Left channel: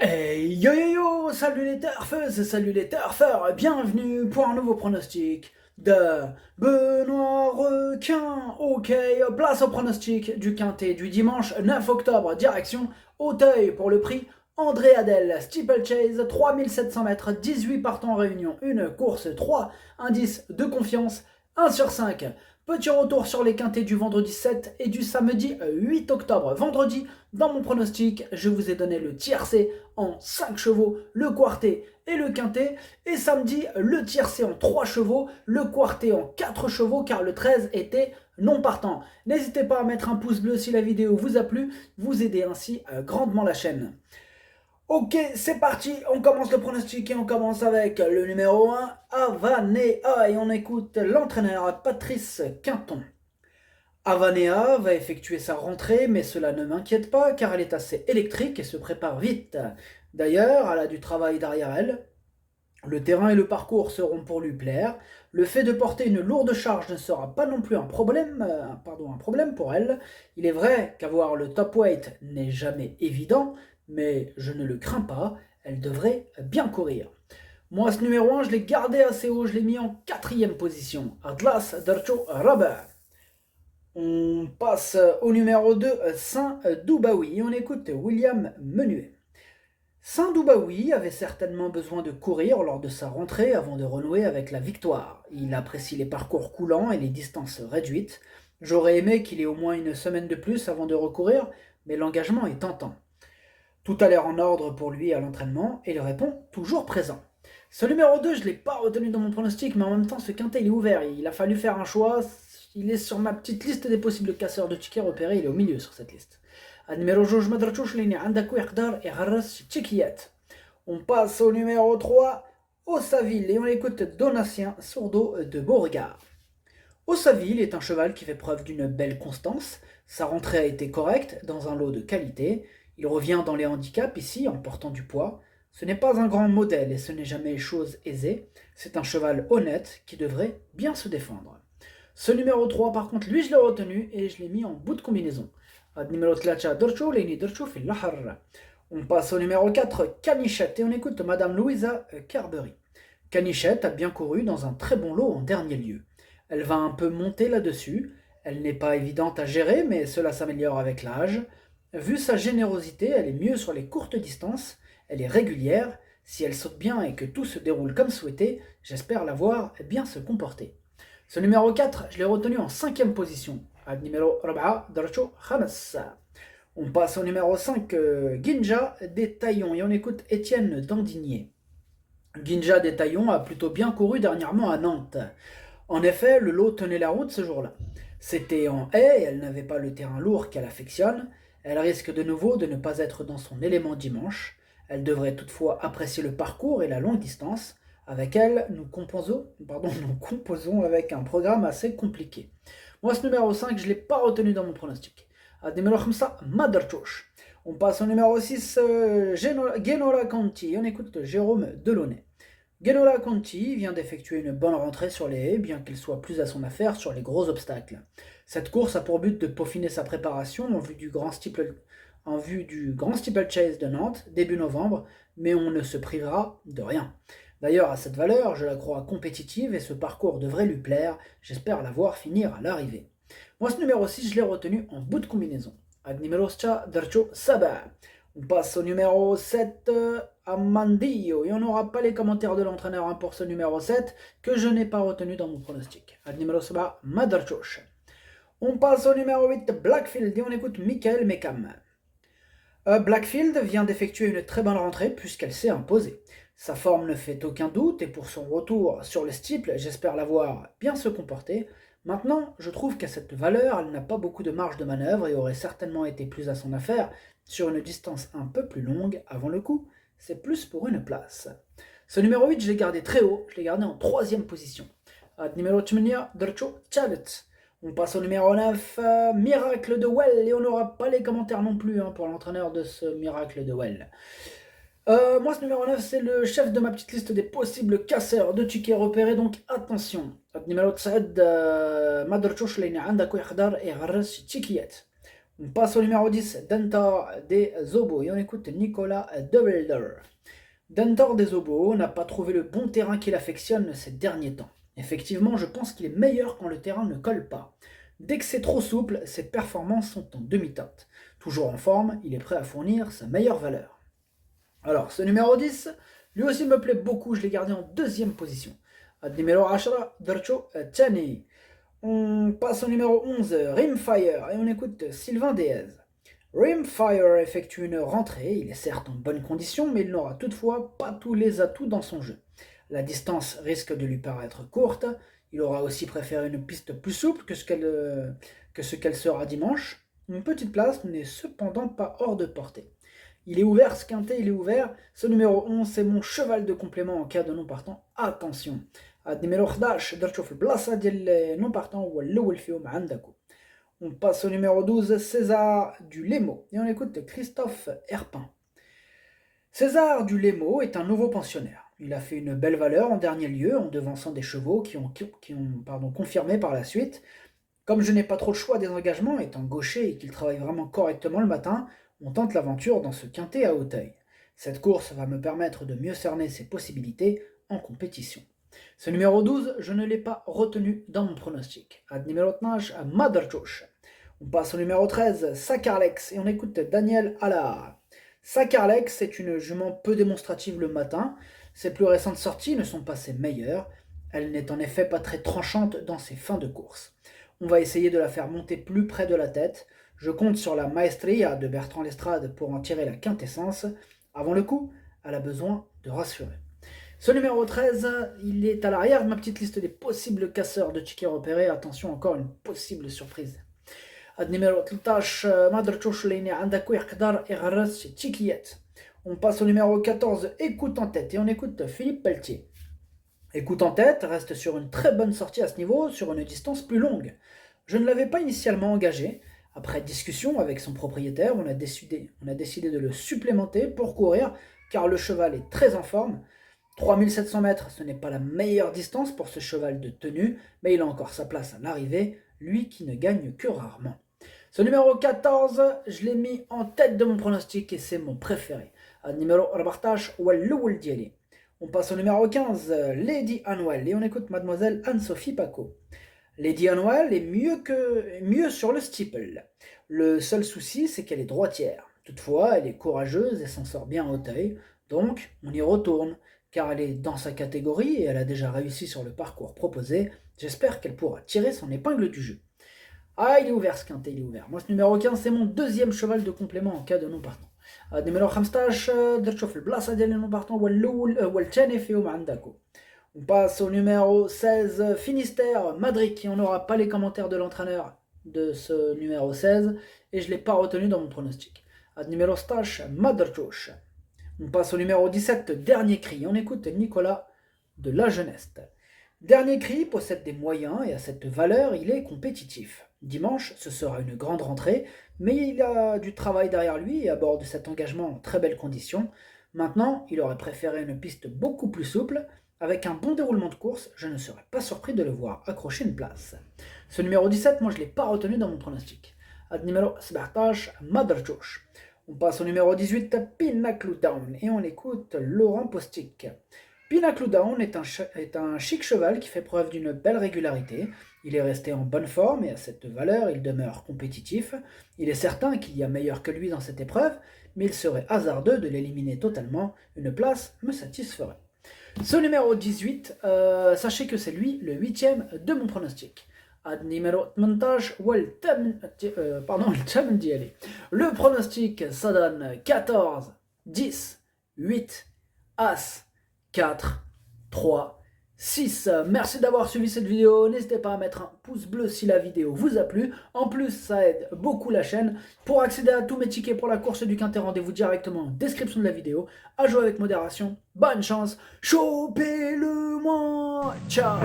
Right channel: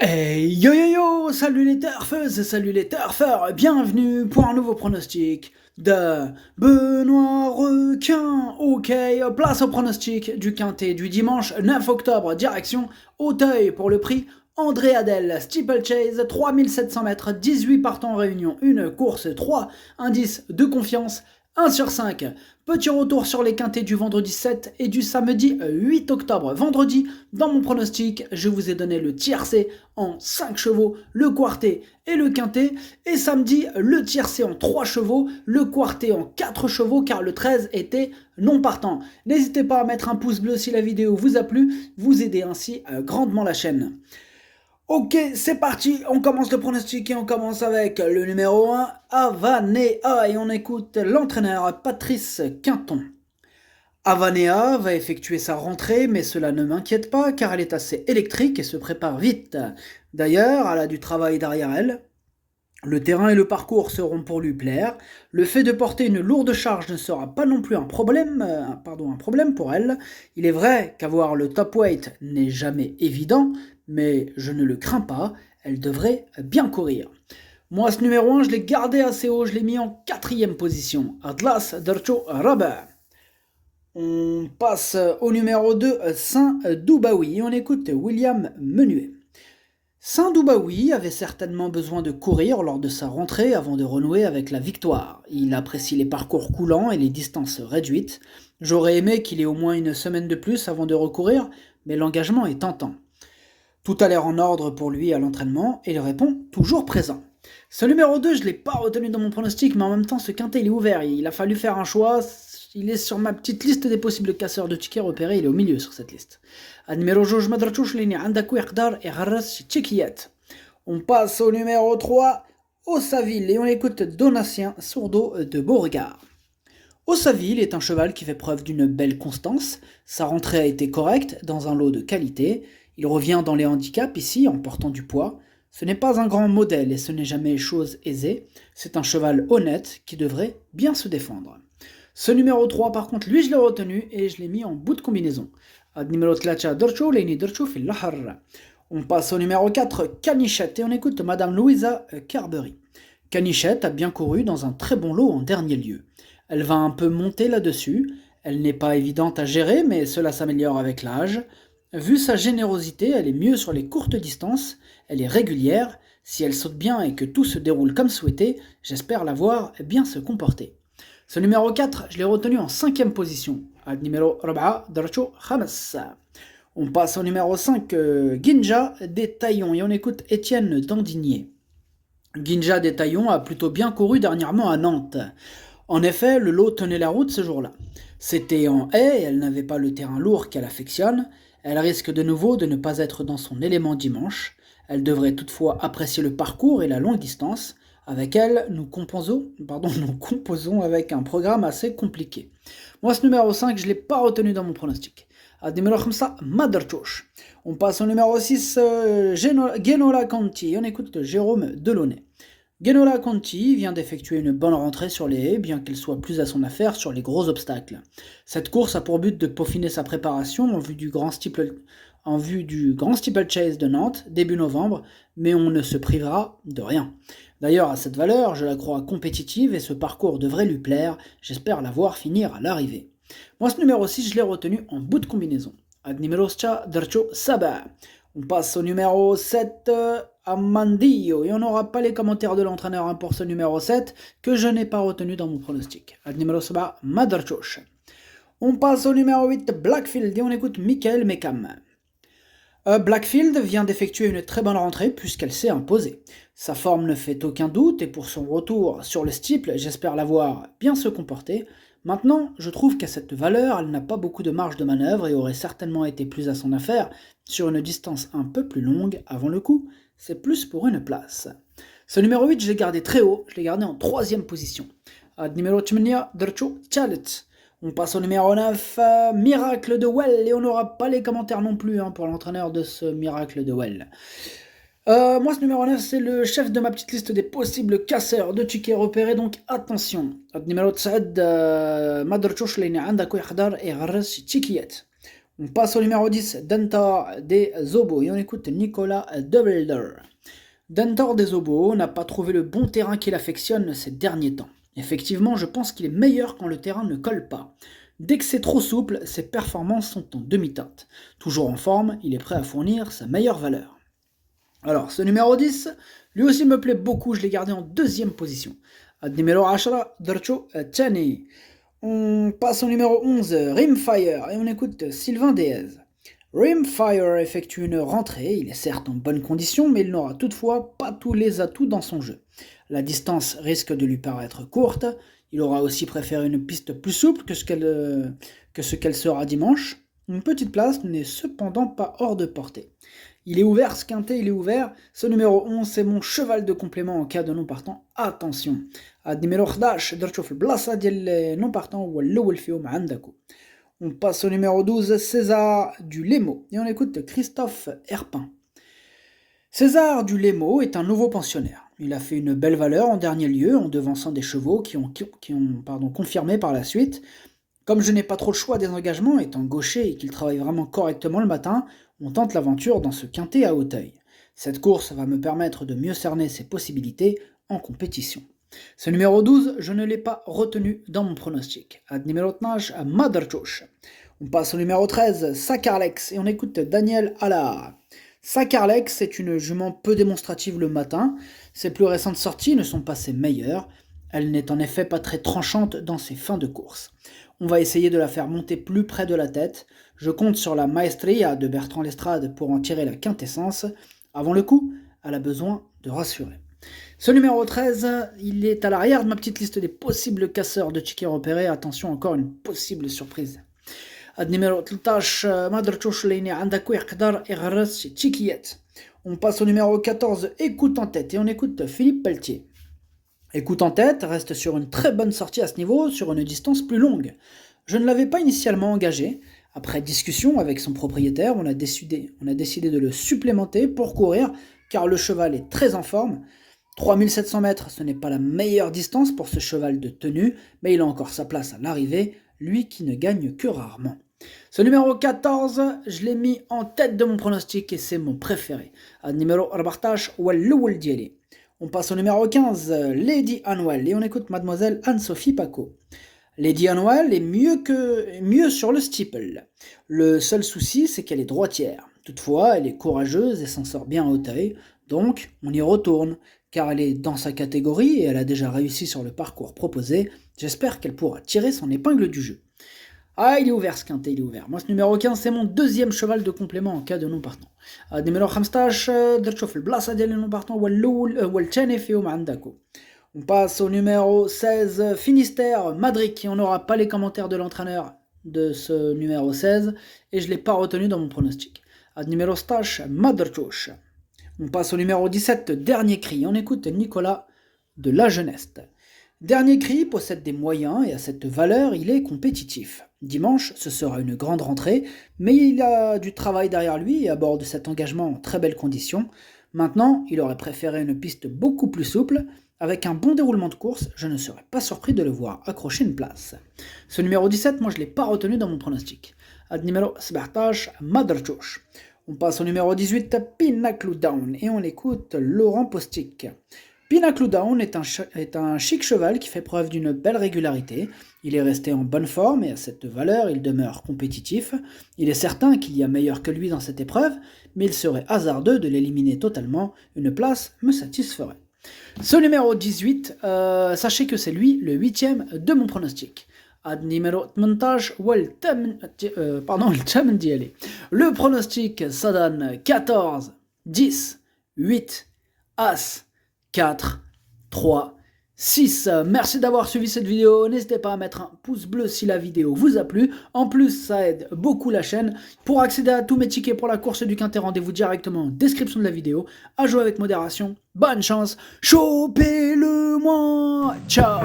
Hey yo yo yo, salut les turfeuses, salut les turfeurs, bienvenue pour un nouveau pronostic de Benoît Requin. Ok, place au pronostic du quintet du dimanche 9 octobre, direction Auteuil pour le prix André Adel, Steeplechase, 3700 mètres, 18 partants en réunion, une course 3, indice de confiance 1 sur 5. Petit retour sur les quintets du vendredi 7 et du samedi 8 octobre. Vendredi, dans mon pronostic, je vous ai donné le tiercé en 5 chevaux, le quartet et le quintet. Et samedi, le tiercé en 3 chevaux, le quartet en 4 chevaux, car le 13 était non partant. N'hésitez pas à mettre un pouce bleu si la vidéo vous a plu, vous aidez ainsi grandement la chaîne. Ok, c'est parti, on commence le pronostic et on commence avec le numéro 1, Avanea, et on écoute l'entraîneur Patrice Quinton. Avanea va effectuer sa rentrée, mais cela ne m'inquiète pas car elle est assez électrique et se prépare vite. D'ailleurs, elle a du travail derrière elle. Le terrain et le parcours seront pour lui plaire. Le fait de porter une lourde charge ne sera pas non plus un problème pour elle. Il est vrai qu'avoir le top weight n'est jamais évident, mais je ne le crains pas. Elle devrait bien courir. Moi, ce numéro 1, je l'ai gardé assez haut, je l'ai mis en quatrième position. Atlas Darcho Rubber. On passe au numéro 2, Saint-Doubaoui. On écoute William Menuet. Saint-Doubaoui avait certainement besoin de courir lors de sa rentrée avant de renouer avec la victoire. Il apprécie les parcours coulants et les distances réduites. J'aurais aimé qu'il ait au moins une semaine de plus avant de recourir, mais l'engagement est tentant. Tout a l'air en ordre pour lui à l'entraînement et il répond toujours présent. Ce numéro 2, je ne l'ai pas retenu dans mon pronostic, mais en même temps, ce quintet, il est ouvert. Il a fallu faire un choix. Il est sur ma petite liste des possibles casseurs de tickets repérés. Il est au milieu sur cette liste. On passe au numéro 3, Ossaville, et on écoute Donatien Sourdeau de Beauregard. Ossaville est un cheval qui fait preuve d'une belle constance. Sa rentrée a été correcte dans un lot de qualité. Il revient dans les handicaps ici en portant du poids. Ce n'est pas un grand modèle et ce n'est jamais chose aisée. C'est un cheval honnête qui devrait bien se défendre. Ce numéro 3, par contre, lui, je l'ai retenu et je l'ai mis en bout de combinaison. On passe au numéro 4, Canichette, et on écoute Madame Louisa Carberry. Canichette a bien couru dans un très bon lot en dernier lieu. Elle va un peu monter là-dessus. Elle n'est pas évidente à gérer, mais cela s'améliore avec l'âge. Vu sa générosité, elle est mieux sur les courtes distances. Elle est régulière. Si elle saute bien et que tout se déroule comme souhaité, j'espère la voir bien se comporter. Ce numéro 4, je l'ai retenu en 5e position. Numéro 4, Dracho Hamas. On passe au numéro 5, Ginja des Taillons, et on écoute Étienne Dandigné. Ginja des Taillons a plutôt bien couru dernièrement à Nantes. En effet, le lot tenait la route ce jour-là. C'était en haie, elle n'avait pas le terrain lourd qu'elle affectionne. Elle risque de nouveau de ne pas être dans son élément dimanche. Elle devrait toutefois apprécier le parcours et la longue distance. Avec elle, nous composons avec un programme assez compliqué. Moi, ce numéro 5, je ne l'ai pas retenu dans mon pronostic. Numéro 5, Maderchosh. On passe au numéro 6, Genola Conti. On écoute Jérôme Delaunay. Genola Conti vient d'effectuer une bonne rentrée sur les haies, bien qu'elle soit plus à son affaire sur les gros obstacles. Cette course a pour but de peaufiner sa préparation en vue du Grand Steeplechase de Nantes, début novembre, mais on ne se privera de rien. D'ailleurs, à cette valeur, je la crois compétitive et ce parcours devrait lui plaire. J'espère la voir finir à l'arrivée. Moi, ce numéro 6, je l'ai retenu en bout de combinaison. Ad numéro Dercho Saba. On passe au numéro 7, Amandillo. Et on n'aura pas les commentaires de l'entraîneur pour ce numéro 7 que je n'ai pas retenu dans mon pronostic. Ad numéro Saba, Madarchosh. On passe au numéro 8, Blackfield. Et on écoute Michael Mekam. Blackfield vient d'effectuer une très bonne rentrée puisqu'elle s'est imposée. Sa forme ne fait aucun doute et pour son retour sur le steeple, j'espère la voir bien se comporter. Maintenant, je trouve qu'à cette valeur, elle n'a pas beaucoup de marge de manœuvre et aurait certainement été plus à son affaire sur une distance un peu plus longue avant le coup. C'est plus pour une place. Ce numéro 8, je l'ai gardé très haut, je l'ai gardé en 3e position. Numéro 8, Dercho Chalet. On passe au numéro 9, Miracle de Well, et on n'aura pas les commentaires non plus pour l'entraîneur de ce Miracle de Well. Moi, ce numéro 9, c'est le chef de ma petite liste des possibles casseurs de tickets repérés, donc attention. Numéro 9, Madrchouch Lene Andako Yakhdar et Gharras Tikiyat. On passe au numéro 10, Dentor des Zobos, et on écoute Nicolas De Wilder. Dentor des Zobos n'a pas trouvé le bon terrain qu'il affectionne ces derniers temps. Effectivement, je pense qu'il est meilleur quand le terrain ne colle pas. Dès que c'est trop souple, ses performances sont en demi-teinte. Toujours en forme, il est prêt à fournir sa meilleure valeur. Alors, ce numéro 10, lui aussi me plaît beaucoup, je l'ai gardé en deuxième position. Numéro 10, Dercho Chani. On passe au numéro 11, Rimfire, et on écoute Sylvain Déez. Rimfire effectue une rentrée, il est certes en bonne condition, mais il n'aura toutefois pas tous les atouts dans son jeu. La distance risque de lui paraître courte, il aura aussi préféré une piste plus souple que ce qu'elle sera dimanche. Une petite place n'est cependant pas hors de portée. Il est ouvert, ce quintet, il est ouvert. Ce numéro 11, c'est mon cheval de complément en cas de non partant. Attention. Numéro 11, درتو في البلاصة ديال non partant هو الأول فيهم عندكم. On passe au numéro 12, César du Lémo. Et on écoute Christophe Herpin. César du Lémo est un nouveau pensionnaire. Il a fait une belle valeur en dernier lieu en devançant des chevaux qui ont confirmé par la suite. Comme je n'ai pas trop le choix des engagements, étant gaucher et qu'il travaille vraiment correctement le matin, on tente l'aventure dans ce quintet à Auteuil. Cette course va me permettre de mieux cerner ses possibilités en compétition. Ce numéro 12, je ne l'ai pas retenu dans mon pronostic. Numéro 12, à Maderchosh. On passe au numéro 13, Sakarlex, et on écoute Daniel Allard. Sakarlex est une jument peu démonstrative le matin. Ses plus récentes sorties ne sont pas ses meilleures. Elle n'est en effet pas très tranchante dans ses fins de course. On va essayer de la faire monter plus près de la tête. Je compte sur la maestria de Bertrand Lestrade pour en tirer la quintessence. Avant le coup, elle a besoin de rassurer. Ce numéro 13, il est à l'arrière de ma petite liste des possibles casseurs de tickets repérés. Attention, encore une possible surprise. Numéro 13, Maderchosh Leine Andakou Yakdar Erras Tikiet. On passe au numéro 14, Écoute en tête, et on écoute Philippe Pelletier. Écoute en tête reste sur une très bonne sortie à ce niveau, sur une distance plus longue. Je ne l'avais pas initialement engagé. Après discussion avec son propriétaire, on a décidé de le supplémenter pour courir, car le cheval est très en forme. 3700 mètres, ce n'est pas la meilleure distance pour ce cheval de tenue, mais il a encore sa place à l'arrivée, lui qui ne gagne que rarement. Ce numéro 14, je l'ai mis en tête de mon pronostic et c'est mon préféré. Numéro 14, Walloul Dieli. On passe au numéro 15, Lady Anwell, et on écoute Mademoiselle Anne-Sophie Paco. Lady Anwell est mieux sur le steeple. Le seul souci, c'est qu'elle est droitière. Toutefois, elle est courageuse et s'en sort bien à Auteuil, donc on y retourne, car elle est dans sa catégorie et elle a déjà réussi sur le parcours proposé. J'espère qu'elle pourra tirer son épingle du jeu. Ah, il est ouvert ce quintet, il est ouvert. Moi, ce numéro 15, c'est mon deuxième cheval de complément en cas de non partant. Numéro 15, درت في البلاصة ديال non partant هو الثاني فيهم عندكم. On passe au numéro 16, Finistère, Madric, et on n'aura pas les commentaires de l'entraîneur de ce numéro 16, et je ne l'ai pas retenu dans mon pronostic. Numéro 16, Maderchosh. On passe au numéro 17, Dernier Cri, on écoute Nicolas de la Jeunesse. Dernier Cri possède des moyens et à cette valeur, il est compétitif. Dimanche, ce sera une grande rentrée, mais il a du travail derrière lui et aborde cet engagement en très belles conditions. Maintenant, il aurait préféré une piste beaucoup plus souple. Avec un bon déroulement de course, je ne serais pas surpris de le voir accrocher une place. Ce numéro 17, moi je ne l'ai pas retenu dans mon pronostic. Numéro 17, Maderchosh. On passe au numéro 18, Pinnacle Down, et on écoute Laurent Postic. Pinnacle Down est un chic cheval qui fait preuve d'une belle régularité. Il est resté en bonne forme et à cette valeur, il demeure compétitif. Il est certain qu'il y a meilleur que lui dans cette épreuve, mais il serait hasardeux de l'éliminer totalement. Une place me satisferait. Ce numéro 18, sachez que c'est lui le 8e de mon pronostic. Numéro 18, le pronostic, ça donne 14, 10, 8, As, 4, 3, 6. Merci d'avoir suivi cette vidéo. N'hésitez pas à mettre un pouce bleu si la vidéo vous a plu. En plus, ça aide beaucoup la chaîne. Pour accéder à tous mes tickets pour la course du quintet, rendez-vous directement en description de la vidéo. À jouer avec modération. Bonne chance. Chopez-le-moi. Ciao.